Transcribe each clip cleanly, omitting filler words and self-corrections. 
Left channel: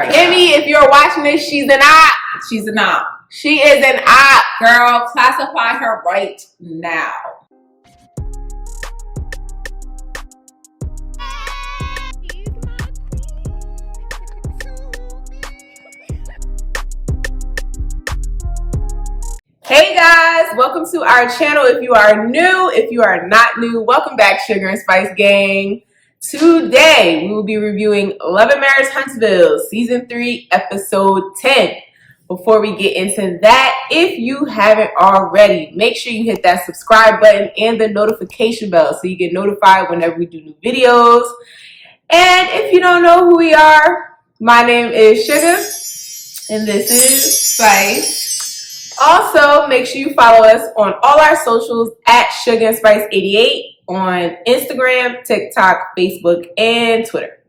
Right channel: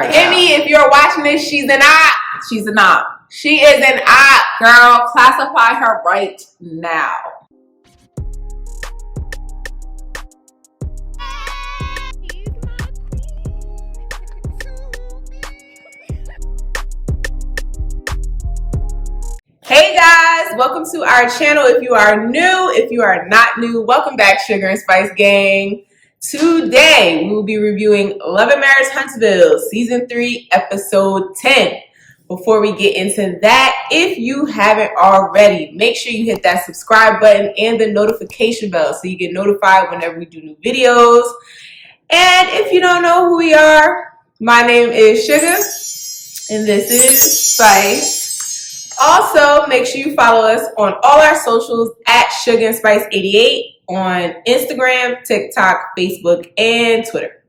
right Kimmy, if you're watching this, she's an op. She's an op. She is an op. Girl, classify her right now. Hey guys, welcome to our channel. If you are new, if you are not new, welcome back, Sugar and Spice Gang. Today, we will be reviewing Lamh and Marriage Huntsville, Season 3, Episode 10. Before we get into that, if you haven't already, make sure you hit that subscribe button and the notification bell so you get notified whenever we do new videos. And if you don't know who we are, my name is Sugar, and this is Spice. Also, make sure you follow us on all our socials at Sugar and Spice 88 on Instagram, TikTok, Facebook, and Twitter.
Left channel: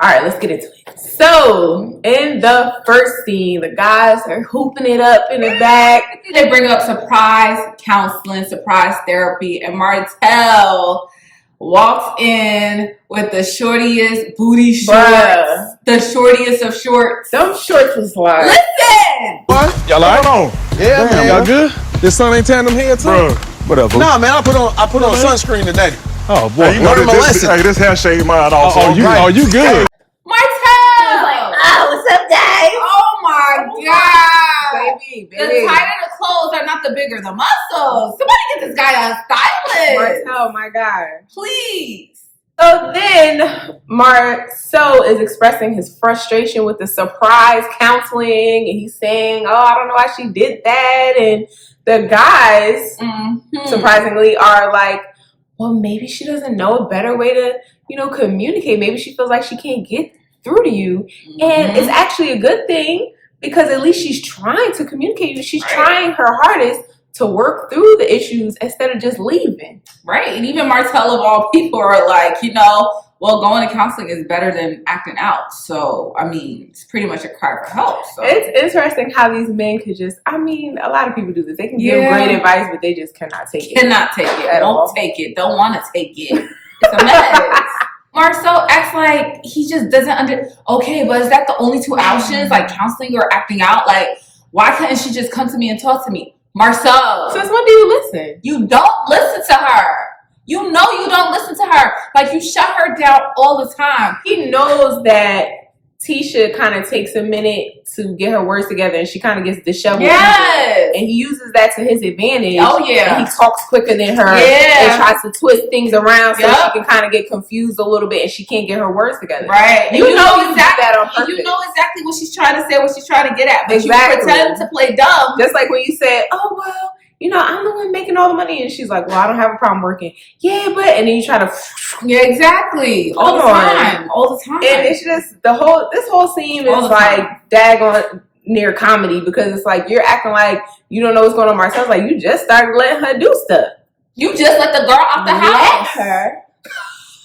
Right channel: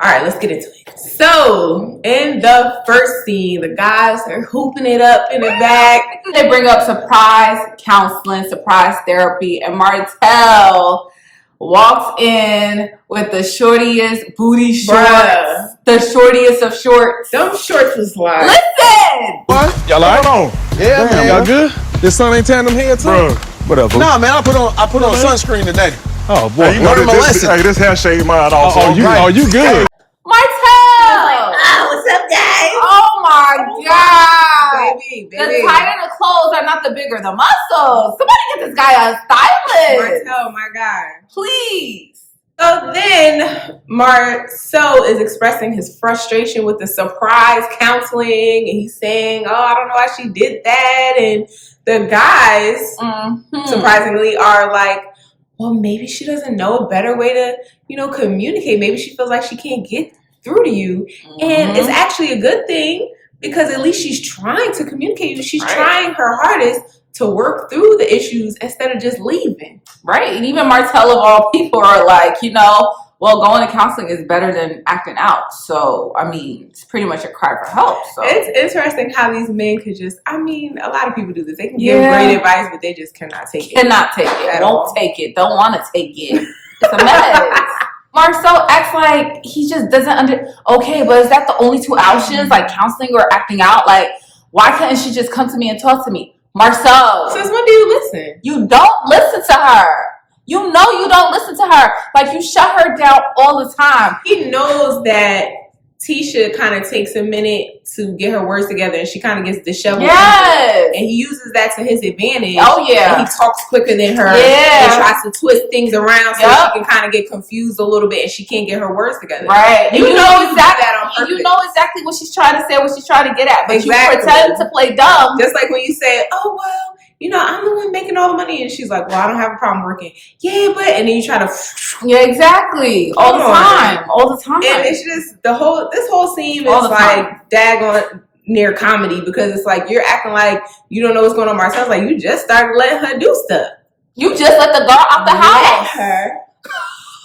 All right, let's get into it. So, in the first scene, the guys are hooping it up in the back. They bring up surprise counseling, surprise therapy, and Martell walks in with the shortiest booty shorts. Bruh. The shortiest of shorts. Them shorts was like... Listen! What? Y'all like? Hold on. Yeah, man. Y'all good? This sun ain't tan them head too? Bro, whatever. Nah, man, I put on sunscreen today. Oh, boy. Hey, you know Learned my this, lesson. Hey, this hair shade mine also. Oh, you good? Martell! what's up, guys? Oh my God! Baby. The tighter the clothes are not the bigger the muscles. Somebody get this guy a stylist. Martell, my God. Please. So then Marsau is expressing his frustration with the surprise counseling, and he's saying, oh, I don't know why she did that. And the guys, surprisingly, are like, well, maybe she doesn't know a better way to, communicate. Maybe she feels like she can't get through to you. And it's actually a good thing because at least she's trying to communicate. She's trying her hardest to work through the issues instead of just leaving. Right. And even Martell of all people are like, well, going to counseling is better than acting out. So, I mean, it's pretty much a cry for help. So it's interesting how these men could just, a lot of people do this. They can give great advice, but they just cannot take it. Cannot take it. Don't take it. Don't want to take it. It's a mess. Marsau acts like he just doesn't okay, but is that the only two options? Like counseling or acting out? Like, why couldn't she just come to me and talk to me? Marsau. Since when do you listen? You don't listen to her. You know you don't listen to her. Like, you shut her down all the time. He knows that Tisha kind of takes a minute to get her words together and she kind of gets disheveled. Yes. And he uses that to his advantage. Oh, yeah. And he talks quicker than her. Yeah. And tries to twist things around so she can kind of get confused a little bit and she can't get her words together. Right. You know exactly that on purpose. You know exactly what she's trying to say, what she's trying to get at. But exactly. you pretend to play dumb. Just like when you say, oh, well, I'm the one making all the money. And she's like, well, I don't have a problem working. Yeah, but... And then you try to... Yeah, exactly. All the time. And it's just... This whole scene is like daggone near comedy because it's like you're acting like you don't know what's going on. Marcel's like, you just started letting her do stuff. You just let the girl out the house. Let her?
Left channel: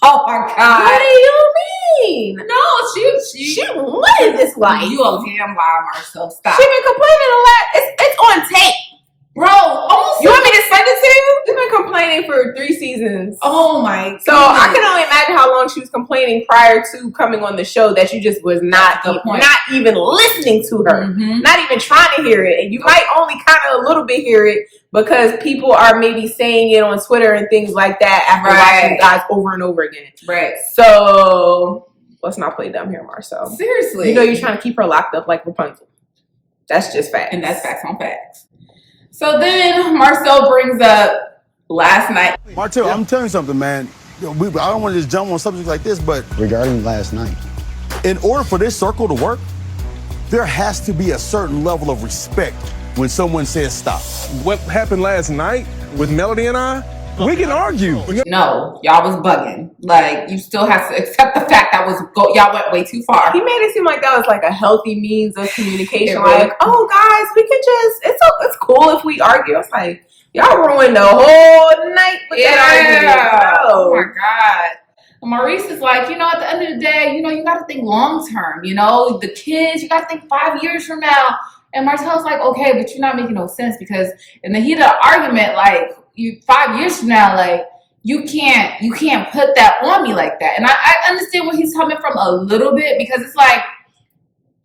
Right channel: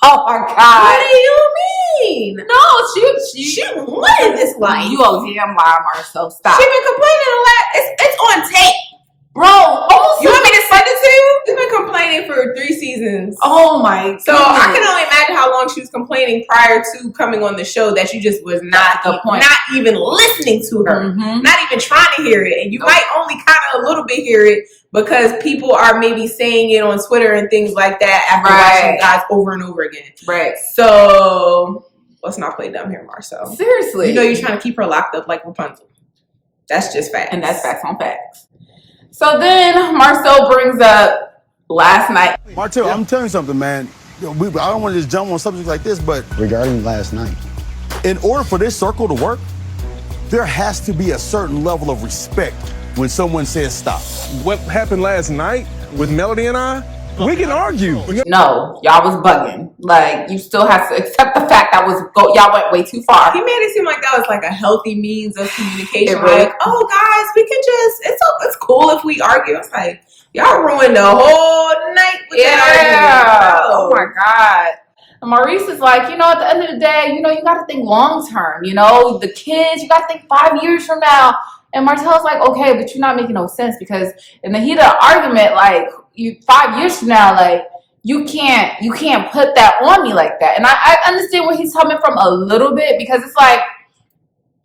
Oh, my God. What do you mean? No, she wanted this life. You a damn liar, Marsau. Stop. She been complaining a lot. It's on tape. Bro, you want me to send it to you? She's been complaining for 3 seasons. Oh my God. So I can only imagine how long she was complaining prior to coming on the show that you just was not even listening to her. Not even trying to hear it. And you might only kind of a little bit hear it because people are maybe saying it on Twitter and things like that after watching guys over and over again. Right. So let's not play dumb here, Marsau. Seriously. You're trying to keep her locked up like Rapunzel. That's just facts. And that's facts on facts. So then Marsau brings up last night. Martell, I'm telling you something, man. I don't want to just jump on subjects like this, but regarding last night, in order for this circle to work, there has to be a certain level of respect when someone says stop. What happened last night with Melody and I, we can argue. No, y'all was bugging. Like, you still have to accept the fact that y'all went way too far. He made it seem like that was like a healthy means of communication. Really? Like, oh guys, we can it's cool if we argue. It's like, y'all ruined the whole night with that argument. Oh my God. And Maurice is like, at the end of the day, you got to think long term. The kids, you got to think 5 years from now. And Martell's like, okay, but you're not making no sense because in the heat of the argument, like, 5 years from now, like, you can't put that on me like that. And I understand where he's coming from a little bit because it's like,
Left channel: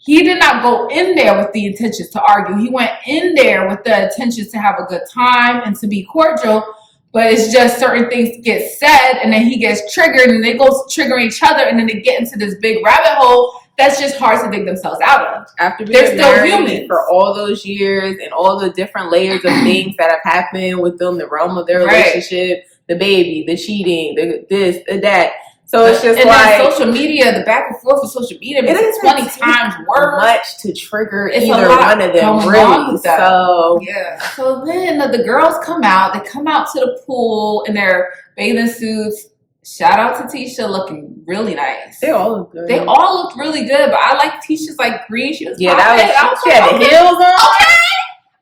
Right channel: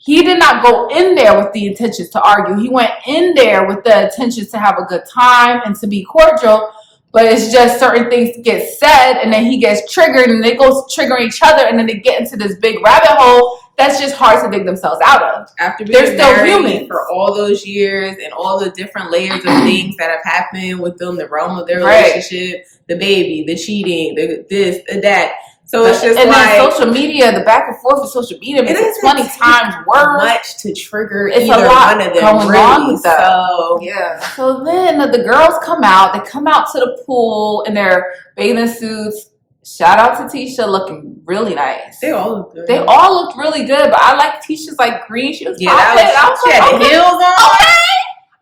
he did not go in there with the intentions to argue. He went in there with the intentions to have a good time and to be cordial. But it's just certain things get said, and then he gets triggered, and they go triggering each other, and then they get into this big rabbit hole that's just hard to dig themselves out of. After being married for all those years and all the different layers of things that have happened within the realm of their relationship, the baby, the cheating, the this, the that. So it's just and like then social media, the back and forth of social media is 20 times worse. Much to trigger it's either one of them, really. So yeah. So then the girls come out. They come out to the pool in their bathing suits. Shout out to Tisha, looking really nice. They all look good. They all looked really good, but I like Tisha's like green. She was she had the heels on. Okay.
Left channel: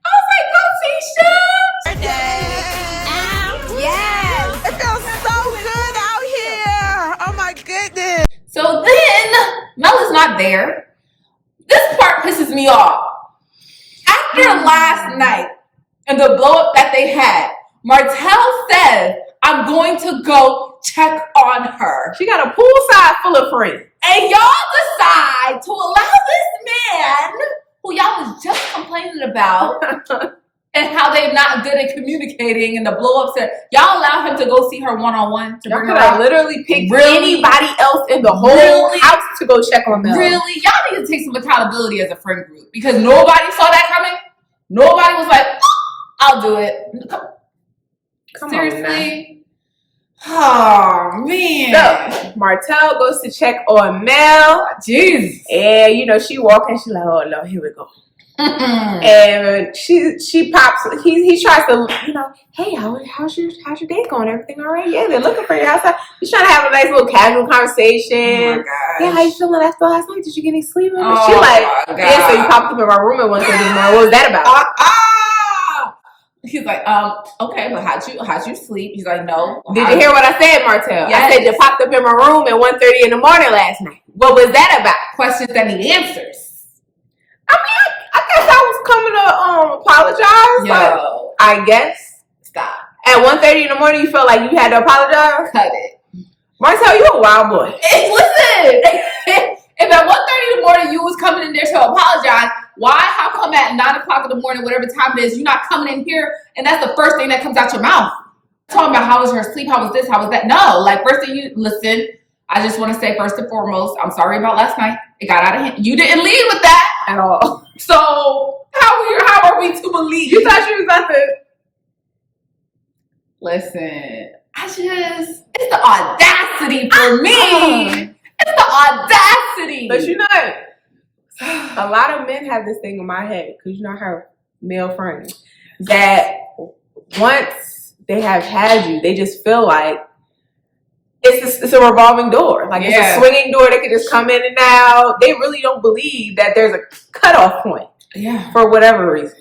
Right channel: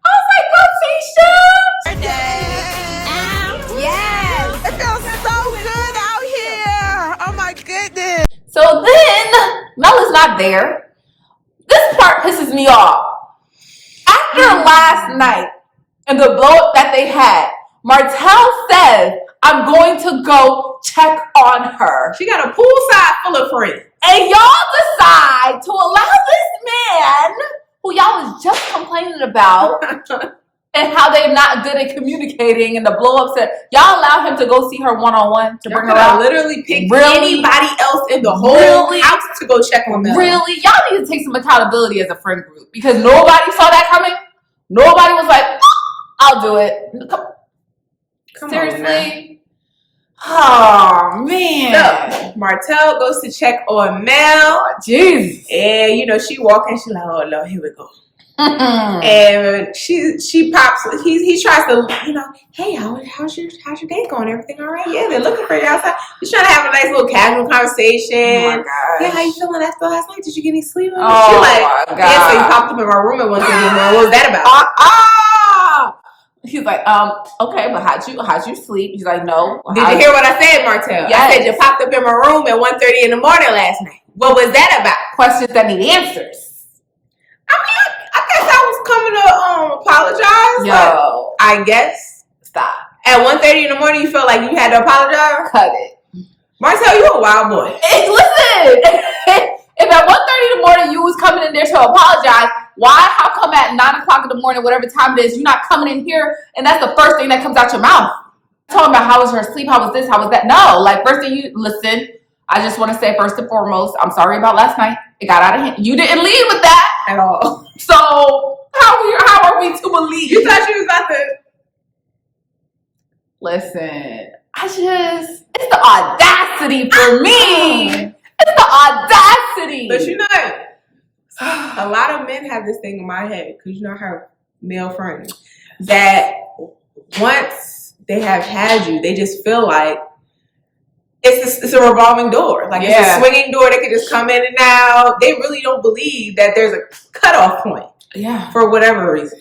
I was like, go Tisha. Yes. It feels so good out here. Oh my goodness. So then Mel is not there. This part pisses me off. After last night and the blow up that they had, Martell said, I'm going to go check on her. She got a poolside full of friends. And y'all decide to allow this man, who y'all was just complaining about, and how they're not good at communicating and the blow-up said, y'all allow him to go see her one-on-one to bring her out? Literally pick anybody else in the whole house to go check on them. Really? Y'all need to take some accountability as a friend group because nobody saw that coming. Nobody was like, I'll do it. Come seriously? Oh, man. So, Martell goes to check on Mel. Jeez. And, you know, she walking. She's like, oh, Lord, here we go. And she pops. He tries to, you know, hey, how's your day going? Everything all right? Yeah, they're looking for you outside. He's trying to have a nice little casual conversation. Oh my gosh. Yeah, how you feeling after last night? Did you get any sleep? Oh, she like, yeah. So you popped up in my room at 1:30 in the morning. What was that about? He's like, okay, but how'd you sleep? He's like, no. Did you hear what I said, Martell? Yes. I said you popped up in my room at 1:30 in the morning last night. What was that about? Questions that need answers. I mean, I guess I was coming to apologize. But I guess stop. At 1:30 in the morning, you felt like you had to apologize? Cut it. Martell, you a wild boy. Hey, listen. If at 1:30 in the morning you was coming in there to apologize, why? How come at 9 o'clock in the morning, whatever time it is, you're not coming in here and that's the first thing that comes out your mouth? Talking about how was her sleep, how was this, how was that? No, like first thing you listen. I just want to say first and foremost, I'm sorry about last night. It got out of hand. You didn't lead with that at all. So how are we to believe? You thought she was about to listen. It's the audacity for me. It's the audacity. But you know, a lot of men have this thing in my head because you know I have male friends that once they have had you, they just feel like it's a revolving door. Like it's a swinging door. They can just come in and out. They really don't believe that there's a cutoff point. Yeah. For whatever reason.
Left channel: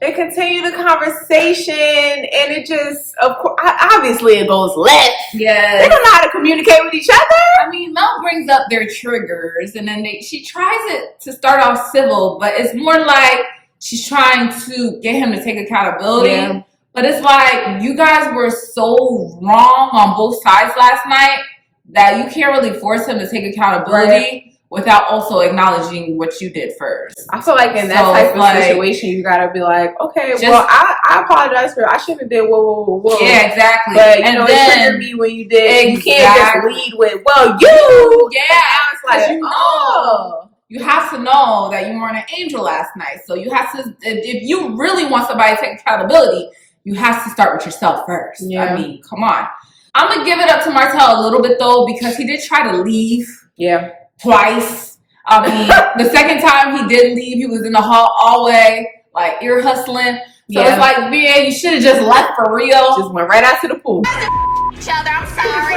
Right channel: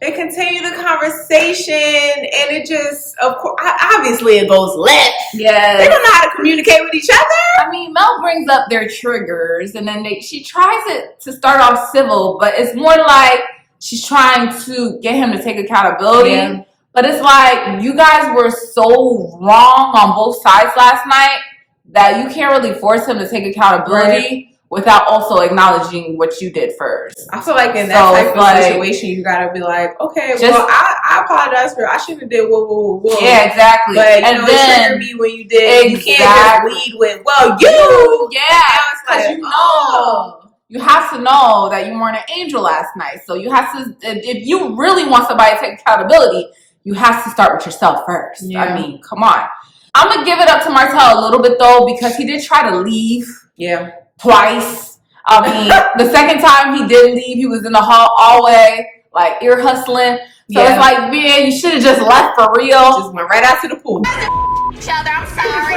They continue the conversation and it just, of course, obviously it goes left. Yeah. They don't know how to communicate with each other. I mean, Mel brings up their triggers and then she tries it to start off civil, but it's more like she's trying to get him to take accountability. Yeah. But it's like you guys were so wrong on both sides last night that you can't really force him to take accountability without also acknowledging what you did first. I feel like in that type of situation, you gotta be like, okay, well, I apologize for I shouldn't have did whoa. Yeah, exactly. But you know, it triggered me when you did. You can't just lead with, well, you. Yeah. Now it's like, you have to know that you weren't an angel last night. So you have to, if you really want somebody to take accountability, you have to start with yourself first. Yeah. I mean, come on. I'm going to give it up to Martell a little bit, though, because he did try to leave. Yeah. Twice. I mean, the second time he did leave, he was in the hallway, like, ear hustling. So it's like, man, you should have just left for real. Just went right out to the pool. Each other, I'm sorry.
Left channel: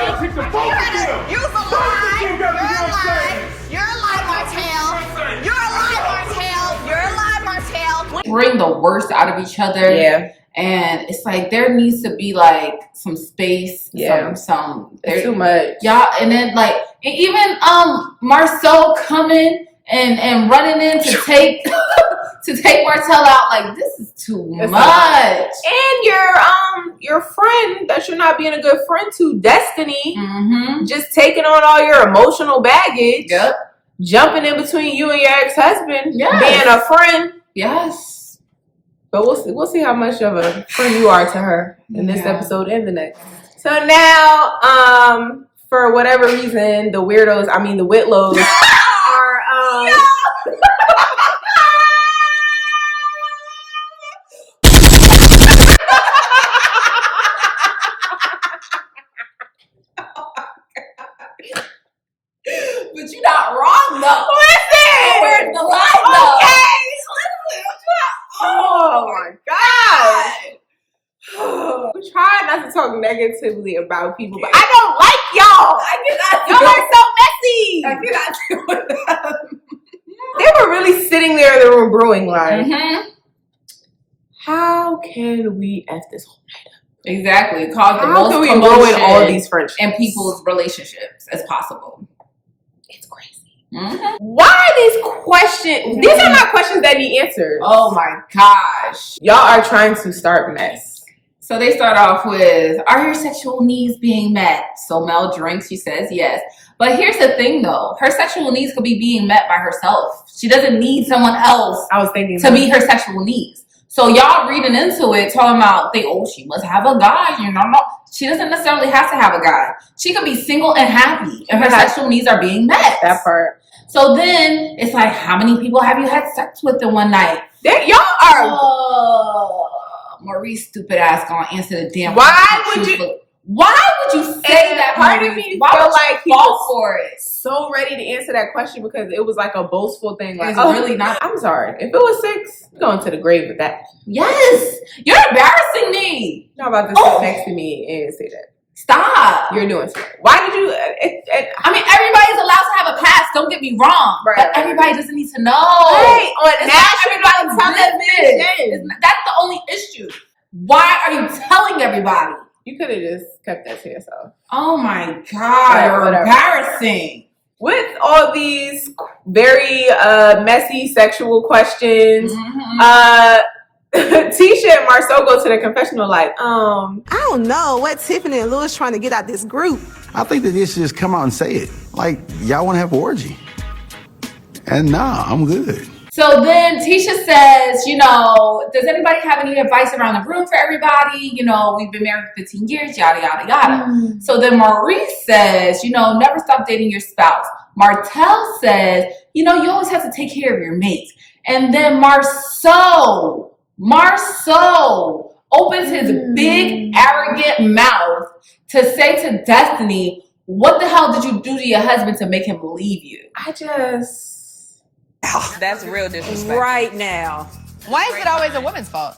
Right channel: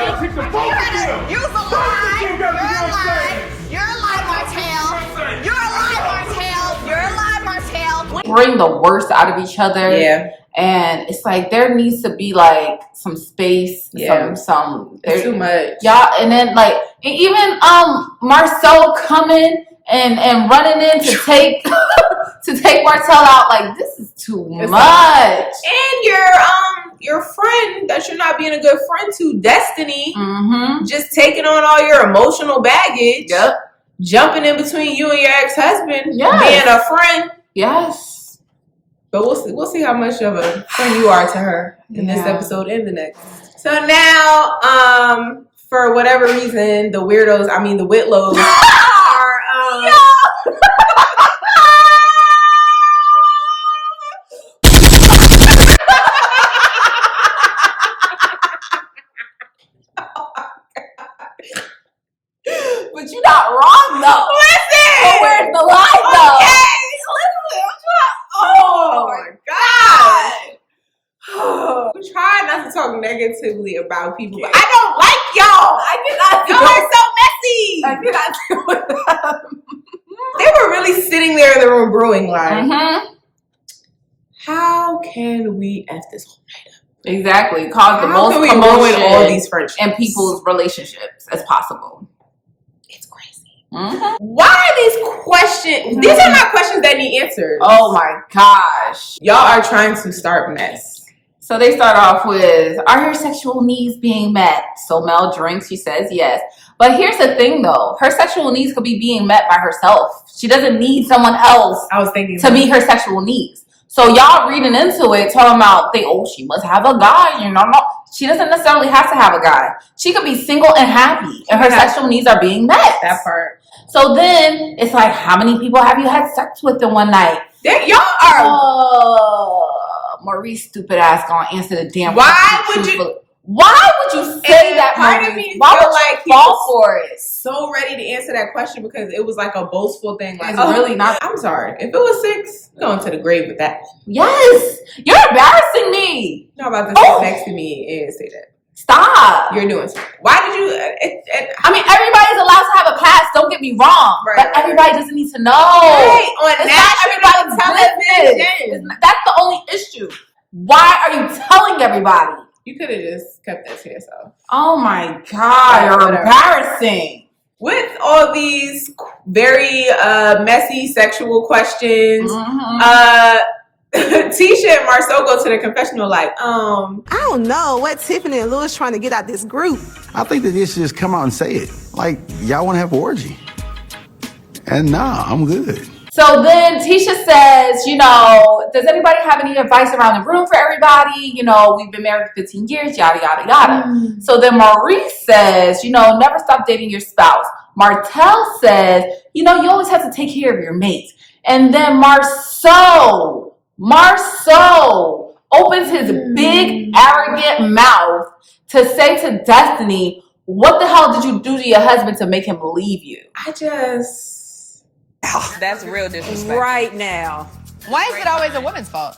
You're a lie. You're a lie. You're a lie, Martell. You're a lie, Martell. You're a lie, Martell. Bring the worst out of each other. Yeah. And it's like there needs to be like some space. Yeah. It's too much. Yeah. And then like and even Marsau coming and running in to take Martell out, like this is too much. And your friend that you're not being a good friend to, Destiny, just taking on all your emotional baggage. Yep. jumping in between you and your ex-husband, Yes. being a friend. Yes. But we'll see how much of a friend you are to her in this episode and the next. So now, for whatever reason, the Whitlows are But you're not wrong though. Listen! Where's the line though? Okay! Oh my God! We try not to talk negatively about people, but I don't like y'all. I cannot do Y'all it. are so messy. I cannot do it. They were really sitting there in the room brewing like, how can we F this whole night up? Exactly. Cause the How most can we commotion ruin all these friendships and people's relationships as possible. It's crazy. Why are these questions? These are not questions that need answers. Oh my gosh. Y'all are trying to start mess. So they start off with, are your sexual needs being met? So Mel drinks, she says yes. But here's the thing though, her sexual needs could be being met by herself. She doesn't need someone else I was thinking to meet her sexual needs. So y'all reading into it, talking about, she must have a guy. No. She doesn't necessarily have to have a guy. She could be single and happy and her sexual needs are being met. that part. So then it's like, how many people have you had sex with in one night? Y'all are. Maurice stupid ass gonna answer the damn Why question would you? truthfully. Why would you say And that? part of Maurice? me Why feel would like you fall for it? So ready to answer that question because it was like a boastful thing. Like, It's really not. I'm sorry. If it was 6, I'm going to the grave with that. Yes, you're embarrassing me. You're not about to sit next to me and say that. Stop. You're doing something. Why did you? I mean, everybody's allowed to have a past. Don't get me wrong. Right, But everybody doesn't need to know. Right, on It's national not everybody's television. business. That's the only issue. Why are you telling everybody? You could have just kept that to yourself. Oh my God, Right, you're whatever. embarrassing. With all these very messy sexual questions, Tisha and Marsau go to the confessional like, I don't know what Tiffany and Louis trying to get out this group. I think that they should just come out and say it. Like, y'all want to have an orgy. And nah, I'm good. So then Tisha says, does anybody have any advice around the room for everybody? We've been married for 15 years, yada, yada, yada. So then Maurice says, never stop dating your spouse. Martell says, you always have to take care of your mate. And then Marsau opens his big, arrogant mouth to say to Destiny, what the hell did you do to your husband to make him believe you? That's real disrespectful. Right now. Why is it always a woman's fault?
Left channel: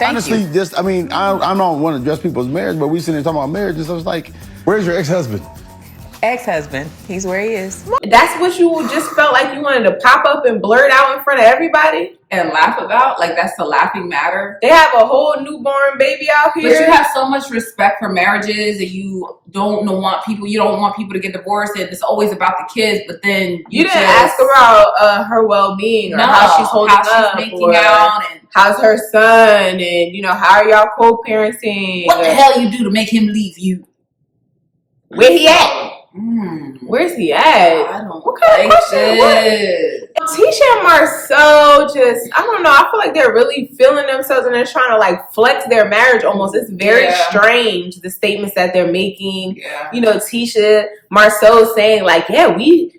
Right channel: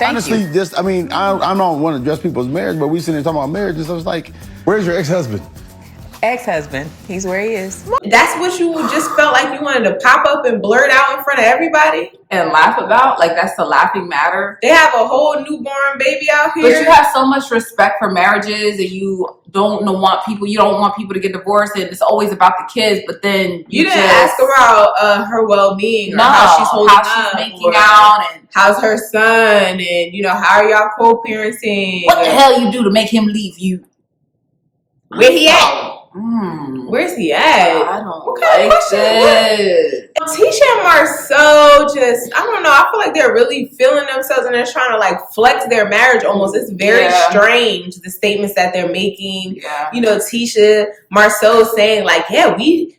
Honestly, I don't want to address people's marriage, but we sitting there talking about marriage, and so it's like, where's your ex-husband? Ex-husband. He's where he is. that's what you just felt like you wanted to pop up and blurt out in front of everybody? And laugh about? Like, that's the laughing matter? They have a whole newborn baby out But here. you have so much respect for marriages and you don't want people to get divorced and it's always about the kids, but then you didn't ask about her well-being or how she's holding up making or out and how's her son and how are y'all co-parenting? what the hell you do to make him leave you? Where he at? Where's he at? I don't What kind of question? Tisha and Marsau I don't know. I feel like they're really feeling themselves and they're trying to like flex their marriage almost. It's very strange, the statements that they're making. Yeah. Tisha, Marsau saying like, yeah, we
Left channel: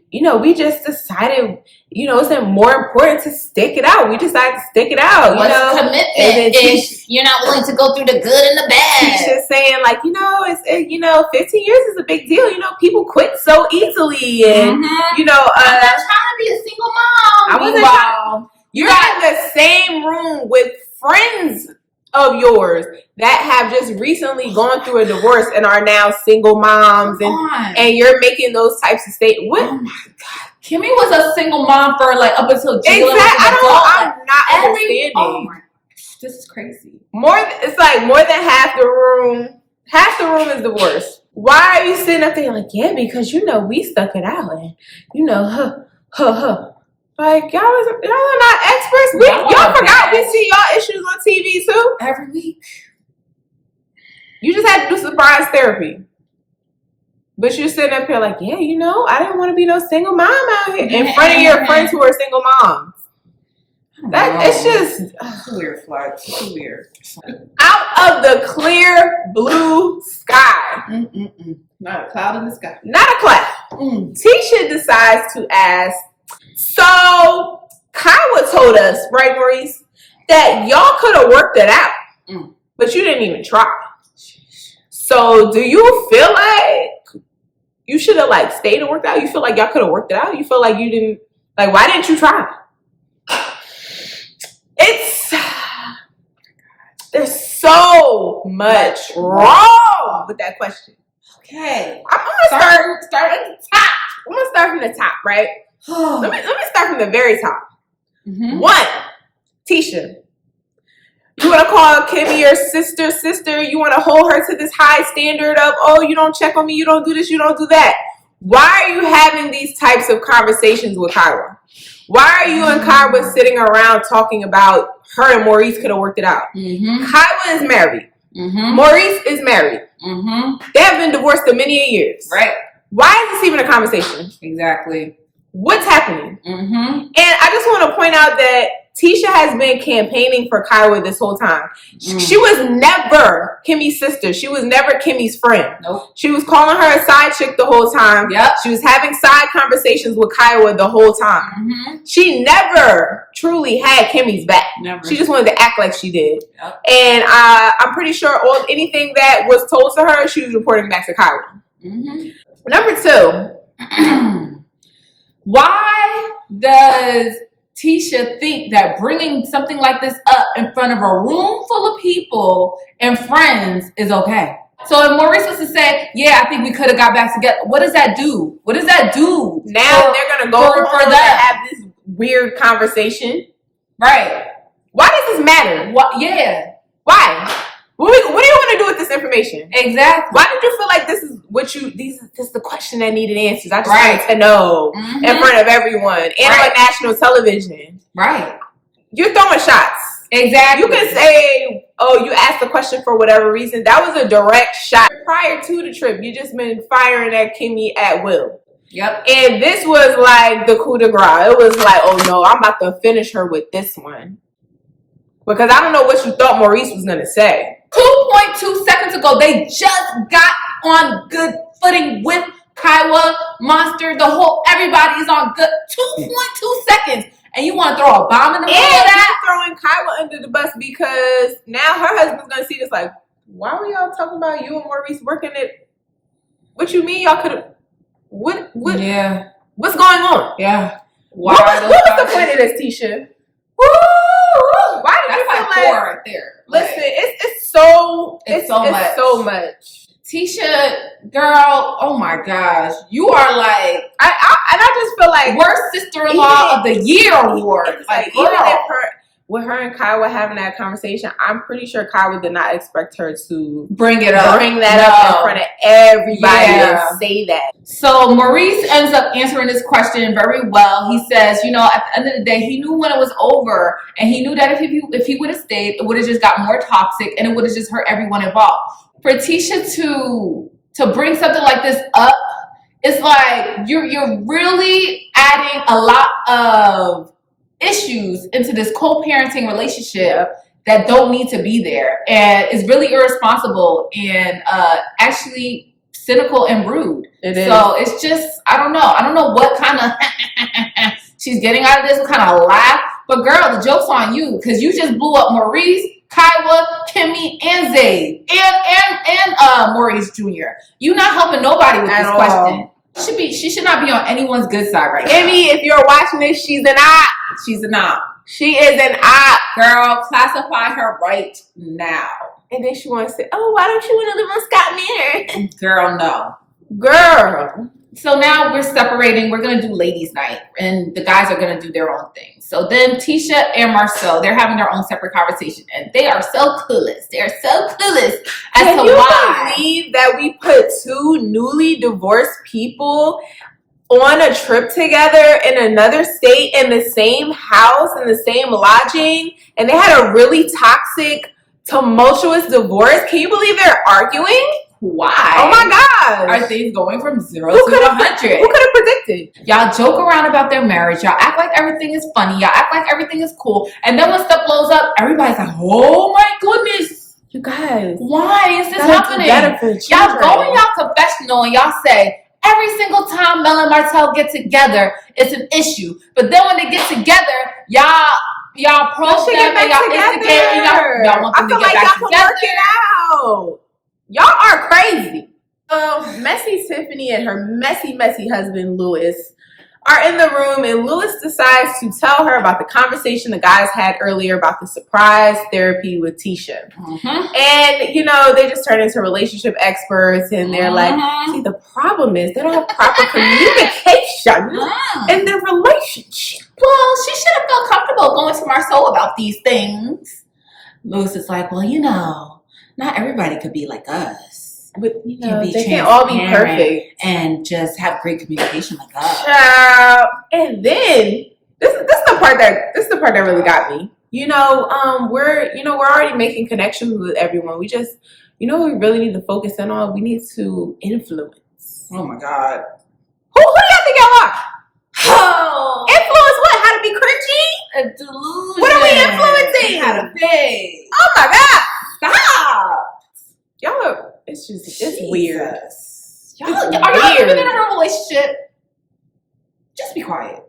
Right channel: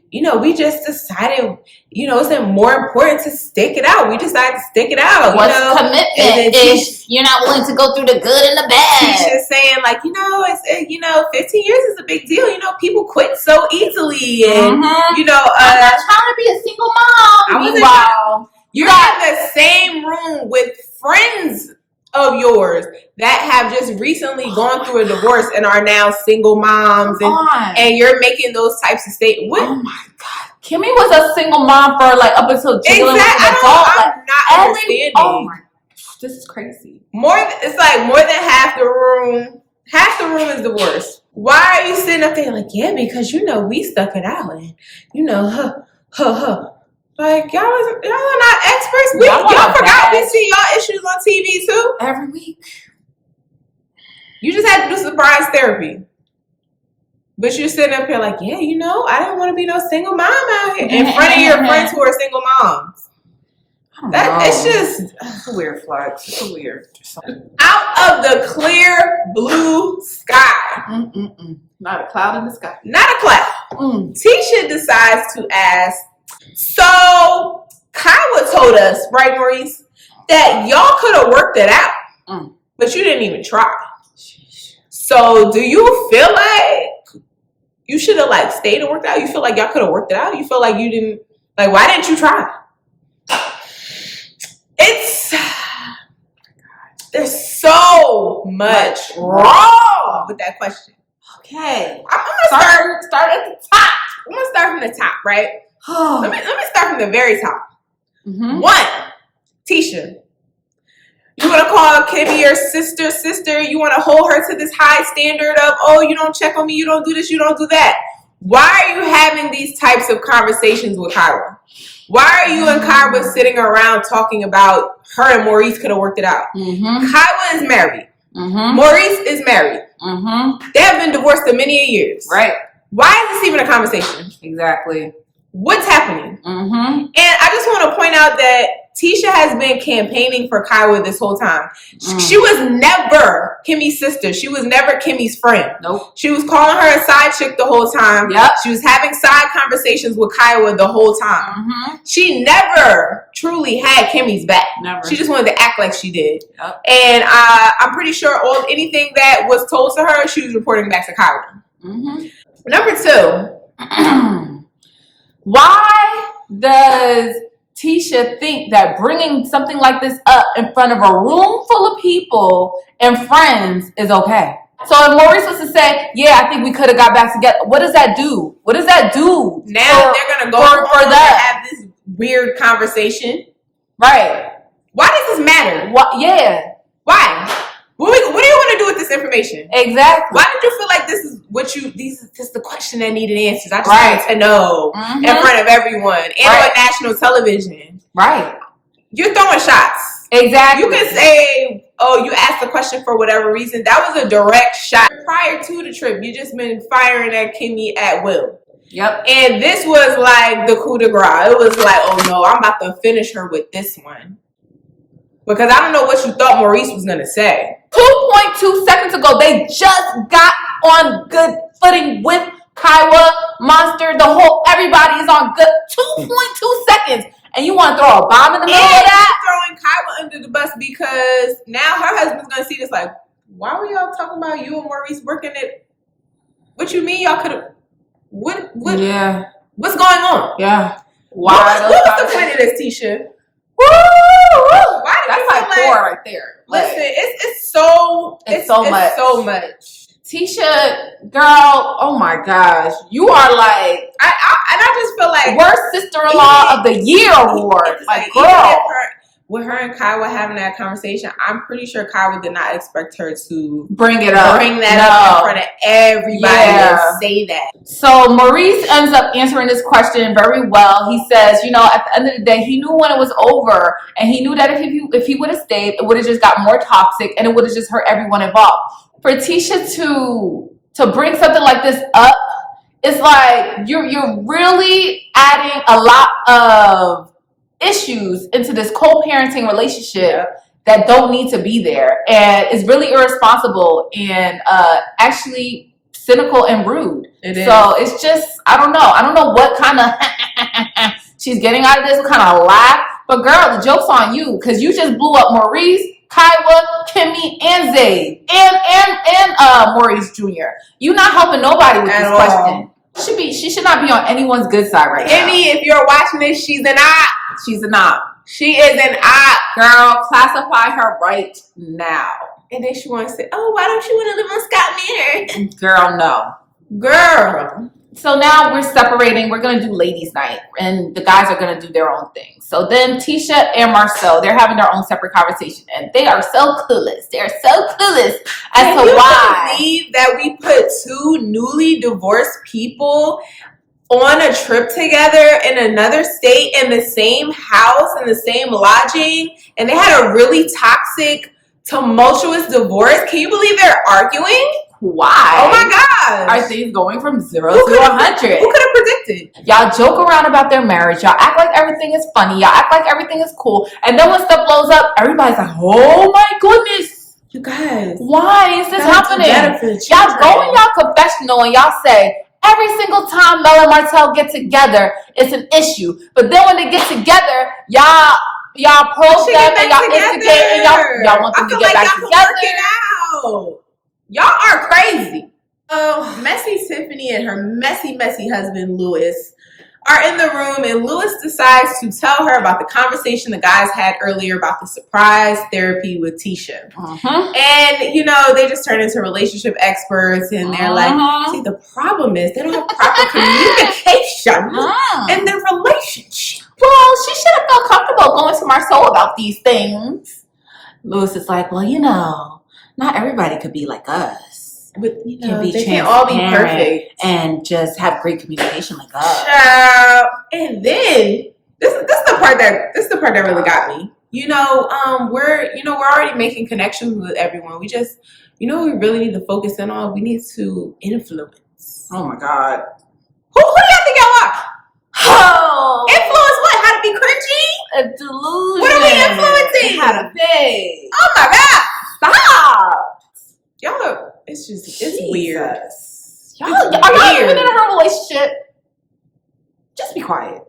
just decided, it's more important to stick it out. We decided to stick it out. What's commitment and then if you're not willing to go through the good and the bad? Tisha's saying like, it's 15 years is a big deal. people quit so easily, and I'm not trying to be a single mom. You're in the same room with friends of yours that have just recently gone through a divorce and are now single moms, and you're making those types of statements. What? Oh my God. Kimmy was a single mom for like up until Exactly. I'm not understanding. Oh my, this is crazy. It's like more than half the room. Half the room is divorced. Why are you sitting up there like, yeah, because we stuck it out and like y'all are not experts. Y'all forgot we see y'all issues on TV too every week. You just had to do surprise therapy. But you're sitting up here like, yeah, you know, I didn't want to be no single mom out here in front of your friends who are single moms. It's just it's a weird flex. It's a weird. Out of the clear blue sky. Not a cloud in the sky. Not a cloud. Tisha decides to ask. So Kaiwa told us, right, Maurice, that y'all could have worked it out, but you didn't even try. So do you feel like you should have like stayed and worked out? You feel like y'all could have worked it out? You feel like you didn't, like, why didn't you try? There's so much wrong with that question. Okay. I'm gonna start at the top. I'm gonna start from the top, right? let me start from the very top. One, Tisha. You want to call Kimmy your sister. You want to hold her to this high standard of, oh, you don't check on me, you don't do this, you don't do that. Why are you having these types of conversations with Kaiwa? Why are you and Kaiwa sitting around talking about her and Maurice could have worked it out? Kaiwa is married. Maurice is married. They have been divorced for many years. Right. Why is this even a conversation? Exactly. What's happening? And I just want to point out that Tisha has been campaigning for Kaiwa this whole time. She was never Kimmy's sister. She was never Kimmy's friend. Nope. She was calling her a side chick the whole time. Yep. She was having side conversations with Kaiwa the whole time. She never truly had Kimmy's back. Never. She just wanted to act like she did. Yep. And I'm pretty sure anything that was told to her, she was reporting back to Kaiwa. Number two. Why does Tisha think that bringing something like this up in front of a room full of people and friends is okay? So if Maurice was to say, yeah, I think we could have got back together, what does that do? What does that do? Now they're going to go home and have this weird conversation. Right. Why does this matter? Yeah. Why? What do you want to do with this information? Exactly. Why did you feel like this is the question that needed answers? I just wanted to know in front of everyone and on national television. Right. You're throwing shots. Exactly. You can say, oh, you asked the question for whatever reason. That was a direct shot. Prior to the trip, you just been firing at Kimmy at will. Yep. And this was like the coup de grace. It was like, oh no, I'm about to finish her with this one. Because I don't know what you thought Maurice was going to say. 2.2 seconds ago, they just got on good footing with Kaiwa, Monster, everybody is on good 2.2 seconds. And you want to throw a bomb in the middle of that? Throwing Kaiwa under the bus because now her husband's going to see this like, why were y'all talking about you and Maurice working it? What you mean y'all could have, what? Yeah. What's going on? Yeah. What was the point of this, Tisha? Why did you feel like right there? Listen, it's so much. Tisha, girl, oh my gosh, you are like I just feel like worst sister-in-law of the year award. Like girl. even with her and Kaiwa having that conversation, I'm pretty sure Kaiwa did not expect her to bring that up in front of everybody and say that. So Maurice ends up answering this question very well. He says, you know, at the end of the day, he knew when it was over, and he knew that if he would have stayed, it would have just got more toxic, and it would have just hurt everyone involved. For Tisha to bring something like this up, it's like you're really adding a lot of issues into this co-parenting relationship that don't need to be there, and it's really irresponsible and actually cynical and rude. It is. So it's just I don't know what kind of she's getting out of this, what kind of laugh. But girl, the joke's on you because you just blew up Maurice, Kaiwa, Kimmy, and Zayd, and Maurice Jr. You're not helping nobody with this question. She should not be on anyone's good side right now. Kimmy, if you're watching this, she's an op. She's an op. She is an op. Girl, classify her right now. And then she wants to say, oh, why don't you want to live on Scott Manor? Girl, no. Girl. So now we're separating. We're going to do ladies' night. And the guys are going to do their own thing. So then Tisha and Marsau, they're having their own separate conversation. And they are so clueless. They're so clueless as to why. Can you believe that we put two newly divorced people on a trip together in another state in the same house, in the same lodging, and they had a really toxic, tumultuous divorce? Can you believe they're arguing? Why? Oh my gosh. Are things going from 0 Who to could have 100? Who could have predicted? Y'all joke around about their marriage. Y'all act like everything is funny. Y'all act like everything is cool. And then when stuff blows up, everybody's like, oh my goodness. You guys. Why is this happening? Y'all go in y'all confessional and y'all say, every single time Mel and Martell get together, it's an issue. But then when they get together, y'all probe them and y'all instigate and y'all want them to get back together. Y'all can work it out. Y'all are crazy. So messy Tiffany and her messy husband Louis are in the room, and Louis decides to tell her about the conversation the guys had earlier about the surprise therapy with Tisha. And they just turn into relationship experts, and they're like, see, the problem is they don't have proper communication in their relationship. Well, she should have felt comfortable going to Marsau about these things. Louis is like, well, not everybody could be like us. But they can't all be perfect and just have great communication like us. And then this is the part that really got me. We're already making connections with everyone. We just we really need to focus in on. We need to influence. Oh my God. Who do y'all think y'all are? Oh. Influence what? How to be cringy? A delusion. What are we influencing? How to pay. Oh my God. Stop. Y'all are, it's weird. Are y'all even in a relationship? Just be quiet.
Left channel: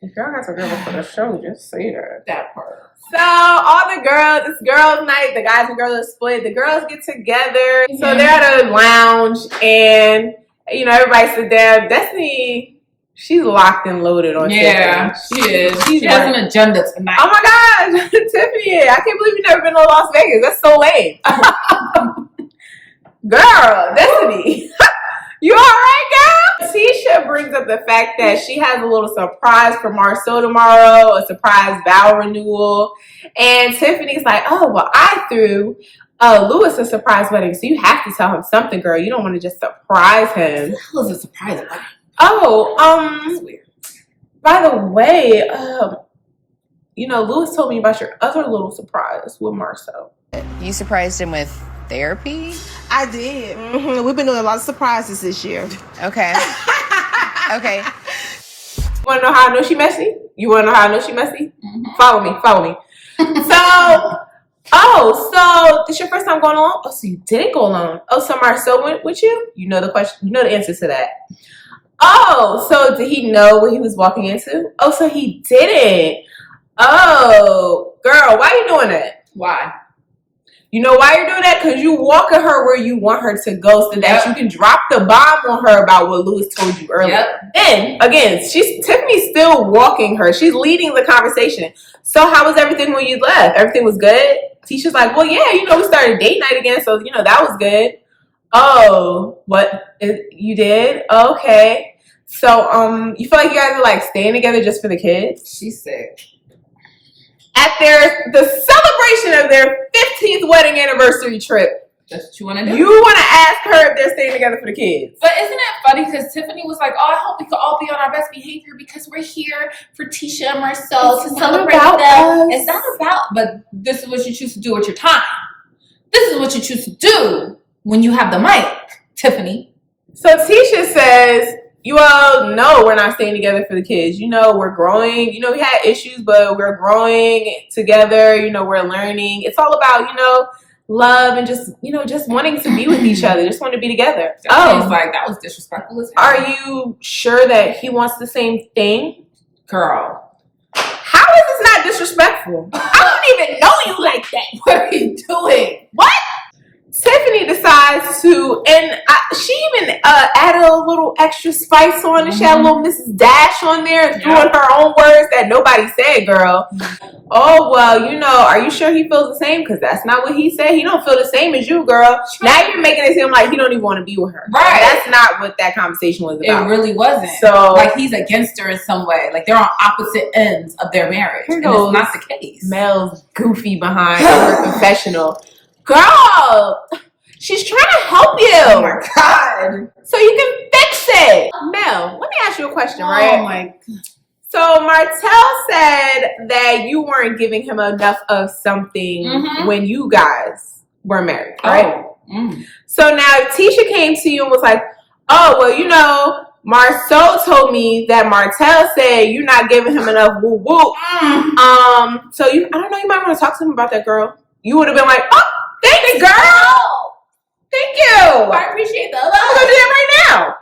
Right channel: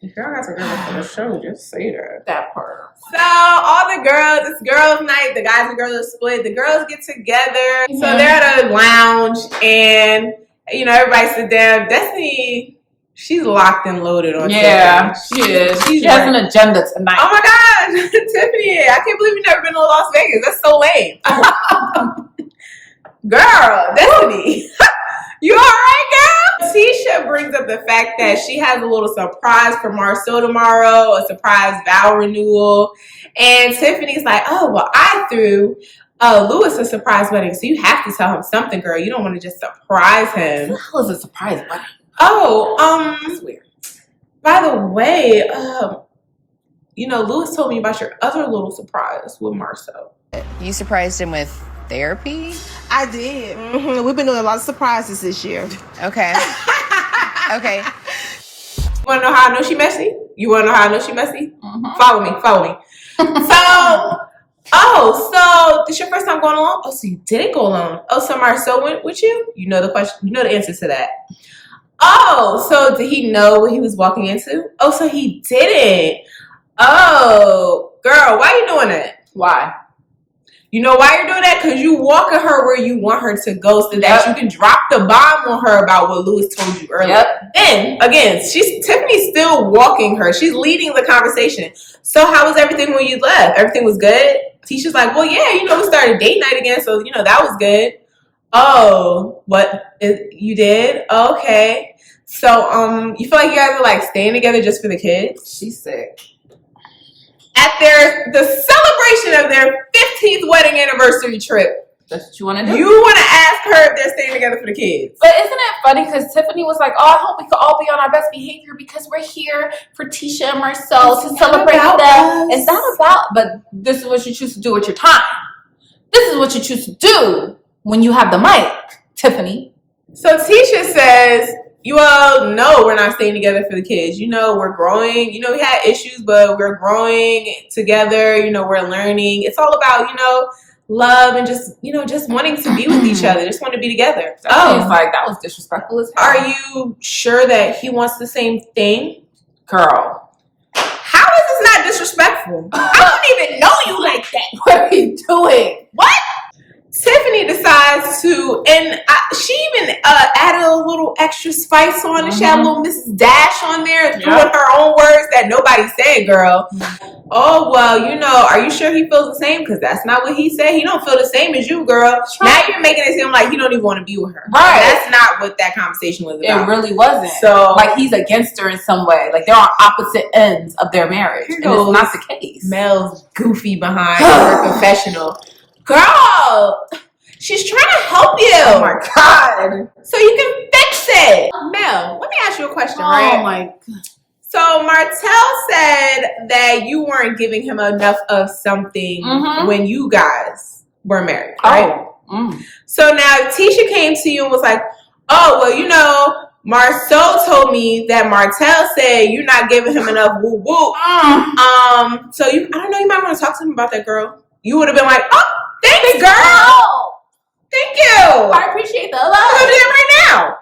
If y'all got some girls for the show, just say that. That part. So all the girls, it's girls' night. The guys and girls are split. The girls get together. So they're at a lounge, and everybody sit down. Destiny, she's locked and loaded on Tiffany. She is. She has an agenda tonight. Oh my gosh, Tiffany! I can't believe you've never been to Las Vegas. That's so lame. Girl, Destiny, you all right, girl? Tisha brings up the fact that she has a little surprise for Marsau tomorrow, a surprise vow renewal. And Tiffany's like, oh, well, I threw Louis a surprise wedding, so you have to tell him something, girl. You don't want to just surprise him. What the hell is a surprise wedding? Oh, that's weird. By the way, Louis told me about your other little surprise with Marsau. You surprised him with therapy? I did. We've been doing a lot of surprises this year. Okay. Okay. You want to know how I know she messy? Follow me. So this your first time going alone? Oh, so you didn't go alone. Oh, so Marsau went with you? You know the question. You know the answer to that. Oh, so did he know what he was walking into? Oh, so he didn't. Oh, girl, why are you doing that? Why? You know why you're doing that? Because you walking her where you want her to go so that you can drop the bomb on her about what Louis told you earlier. Then, again, Tiffany's still walking her. She's leading the conversation. So how was everything when you left? Everything was good? Tisha's like, well, yeah, we started date night again, so, that was good. Oh, what? You did? Okay. So, you feel like you guys are, staying together just for the kids? She's sick. At the celebration of their 15th wedding anniversary trip. That's what you want to do? You want to ask her if they're staying together for the kids. But isn't it funny? Because Tiffany was like, oh, I hope we could all be on our best behavior because we're here for Tisha and Marsau to celebrate them. It's not about, but this is what you choose to do with your time. This is what you choose to do when you have the mic, Tiffany. So Tisha says, you all know we're not staying together for the kids. We're growing. We had issues, but we're growing together. We're learning. It's all about, love and just wanting to be with each other. Just want to be together. That was disrespectful as hell. Are you sure that he wants the same thing? Girl. How is this not disrespectful? I don't even know you like that. What are you doing? What? Tiffany decides to, and she even added a little extra spice on it. She had a little Mrs. Dash on there and threw in her own words that nobody said, girl. Oh, well, are you sure he feels the same? Because that's not what he said. He don't feel the same as you, girl. Now you're making it seem like he don't even want to be with her. Right. That's not what that conversation was about. It really wasn't. So, he's against her in some way. They're on opposite ends of their marriage. Here goes, and it's not the case. Mel's goofy behind her confessional. Girl, she's trying to help you. Oh my God. So you can fix it. Mel, let me ask you a question, right? Oh my God. So Martell said that you weren't giving him enough of something when you guys were married, right? Oh, So now Tisha came to you and was like, oh, well, you know, Marsau told me that Martell said you're not giving him enough woo woo. So I don't know, you might want to talk to him about that, girl. You would have been like, oh, thanks, girl. Thank you. I appreciate the love. I'm gonna do that right now.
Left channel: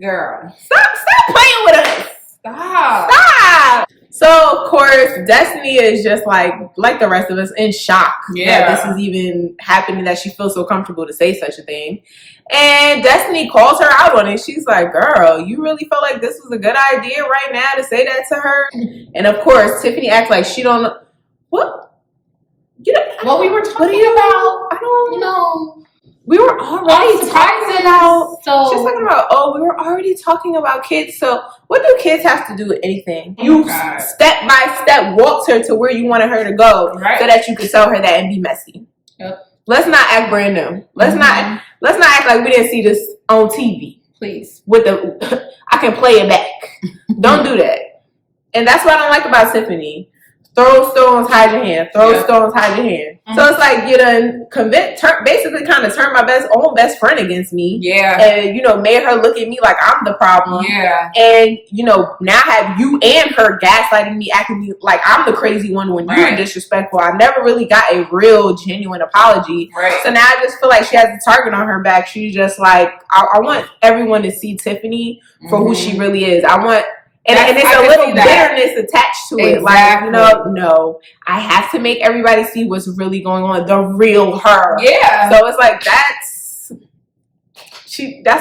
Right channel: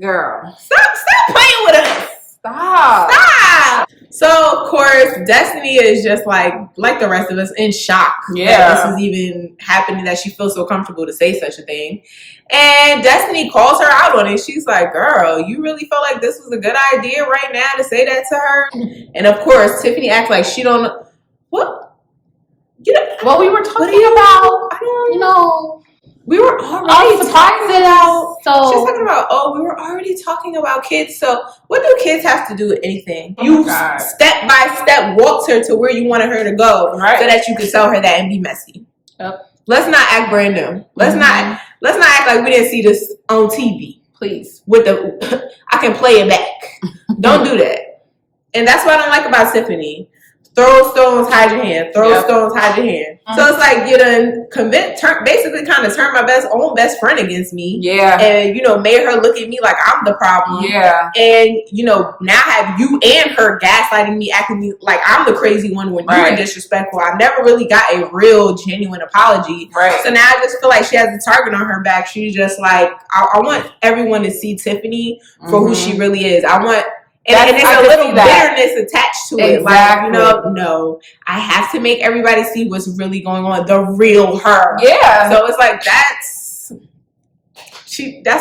Girl. Stop playing with us. Stop. So of course, Destiny is just like the rest of us in shock that this is even happening, that she feels so comfortable to say such a thing. And Destiny calls her out on it. She's like, girl, you really felt like this was a good idea right now to say that to her? And of course, Tiffany acts like she don't know. What? You know, what we were talking about? I don't know. We were already talking about, she's talking about, we were already talking about kids. So what do kids have to do with anything? You step by step walked her to where you wanted her to go so that you could tell her that and be messy. Yep. Let's not act brand new. Let's not act like we didn't see this on TV. Please. With the, I can play it back. Don't do that. And that's what I don't like about Tiffany. Throw stones, hide your hand. Throw stones, hide your hand. So it's like you done basically kind of turned my own best friend against me. Yeah. And, you know, made her look at me like I'm the problem. Yeah. And, you know, now have you and her gaslighting me, acting like I'm the crazy one when you were disrespectful. I never really got a real, genuine apology. Right. So now I just feel like she has a target on her back. She's just like, I want everyone to see Tiffany for who she really is. I want... And there's a little bitterness attached to it. Like, you know, no, I have to make everybody see what's really going on. The real her. Yeah. So it's like, that's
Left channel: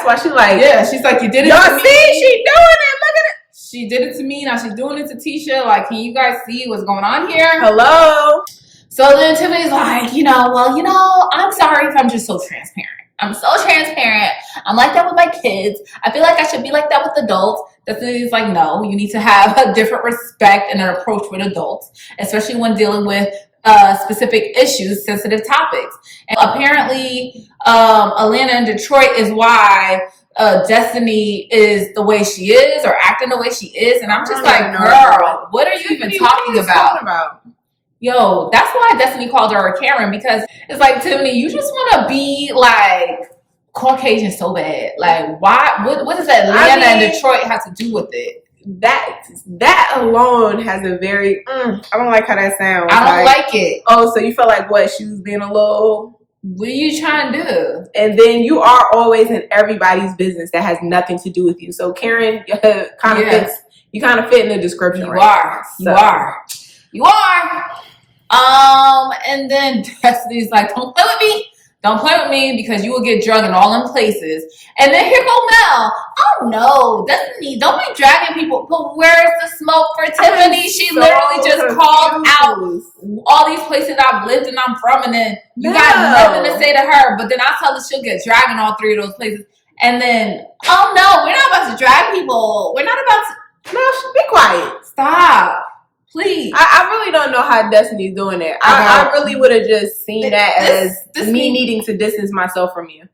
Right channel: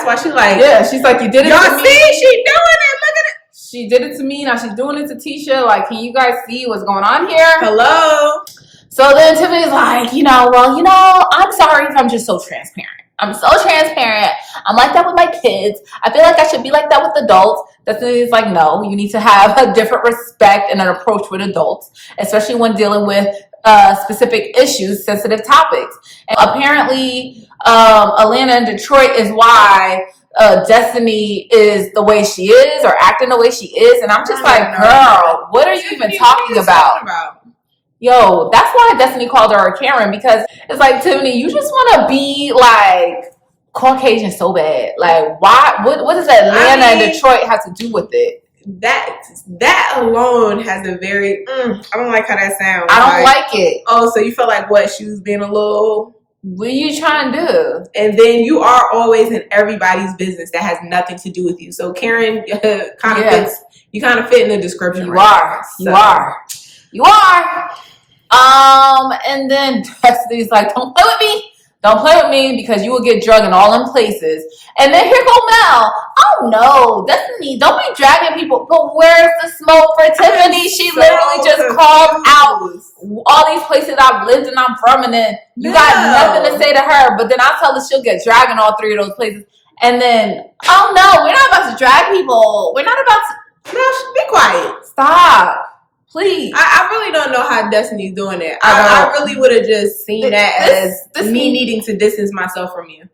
why she like. Yeah, she's like, you did it. Y'all see, she doing it. Look at it. She did it to me. Now she's doing it to Tisha. Like, can you guys see what's going on here? Hello. So then Tiffany's like, I'm sorry if I'm just so transparent. I'm so transparent. I'm like that with my kids. I feel like I should be like that with adults. Destiny's like, no, you need to have a different respect and an approach with adults, especially when dealing with specific issues, sensitive topics. And apparently, Atlanta and Detroit is why Destiny is the way she is or acting the way she is. And I'm just like, girl, what are you even talking about? Yo, that's why Destiny called her a Karen, because it's like, Tiffany, you just want to be like Caucasian so bad. Like, why? What does Atlanta and Detroit have to do with it? That alone has a very, I don't like how that sounds. I don't like it. Oh, so you felt like what? She was being a little... What are you trying to do? And then you are always in everybody's business that has nothing to do with you. So Karen kind of fits. You kind of fit in the description. You are. And then Destiny's like, don't play with me. Don't play with me because you will get drugged in all them places. And then here go Mel. Oh no, Destiny, don't be dragging people. But where's the smoke for Tiffany? She literally just called out all these places I've lived and I'm from, and then you got nothing to say to her. But then I tell her she'll get dragged in all three of those places. And then, oh no, we're not about to drag people. We're not about to. No, be quiet. Stop. Please. I really don't know how Destiny's doing it. I really would have just seen that as me needing to distance myself from you.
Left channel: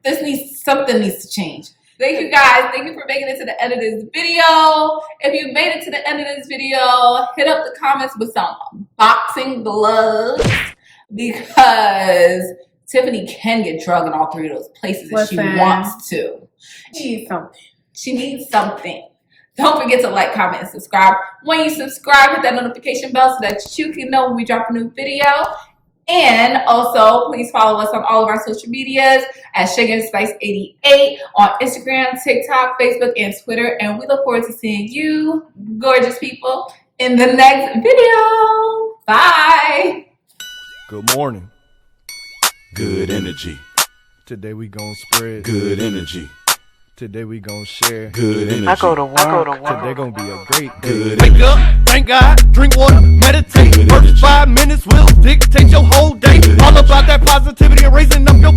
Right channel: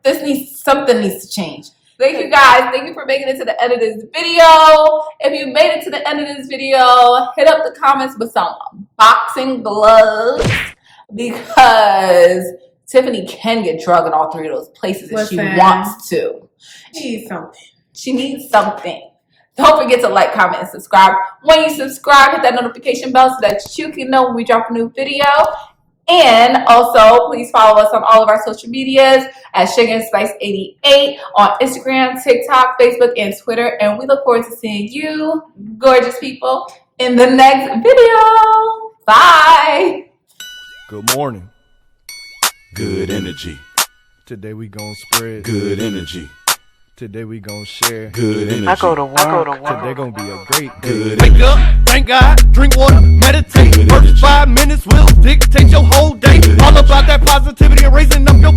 Something needs to change. Thank you guys. Thank you for making it to the end of this video. If you made it to the end of this video, hit up the comments with some boxing gloves, because Tiffany can get drugged in all three of those places if she wants to. She needs something. Don't forget to like, comment, and subscribe. When you subscribe, hit that notification bell so that you can know when we drop a new video. And also, please follow us on all of our social medias at SugaandSpice88 on Instagram, TikTok, Facebook, and Twitter. And we look forward to seeing you, gorgeous people, in the next video. Bye. Good morning. Good energy. Today we gonna spread good energy. Today we gonna share good energy. I go to work. Today gonna be a great day. Good Wake up, thank God, drink water, meditate. Good First energy. 5 minutes will dictate your whole day. All about that positivity and raising up your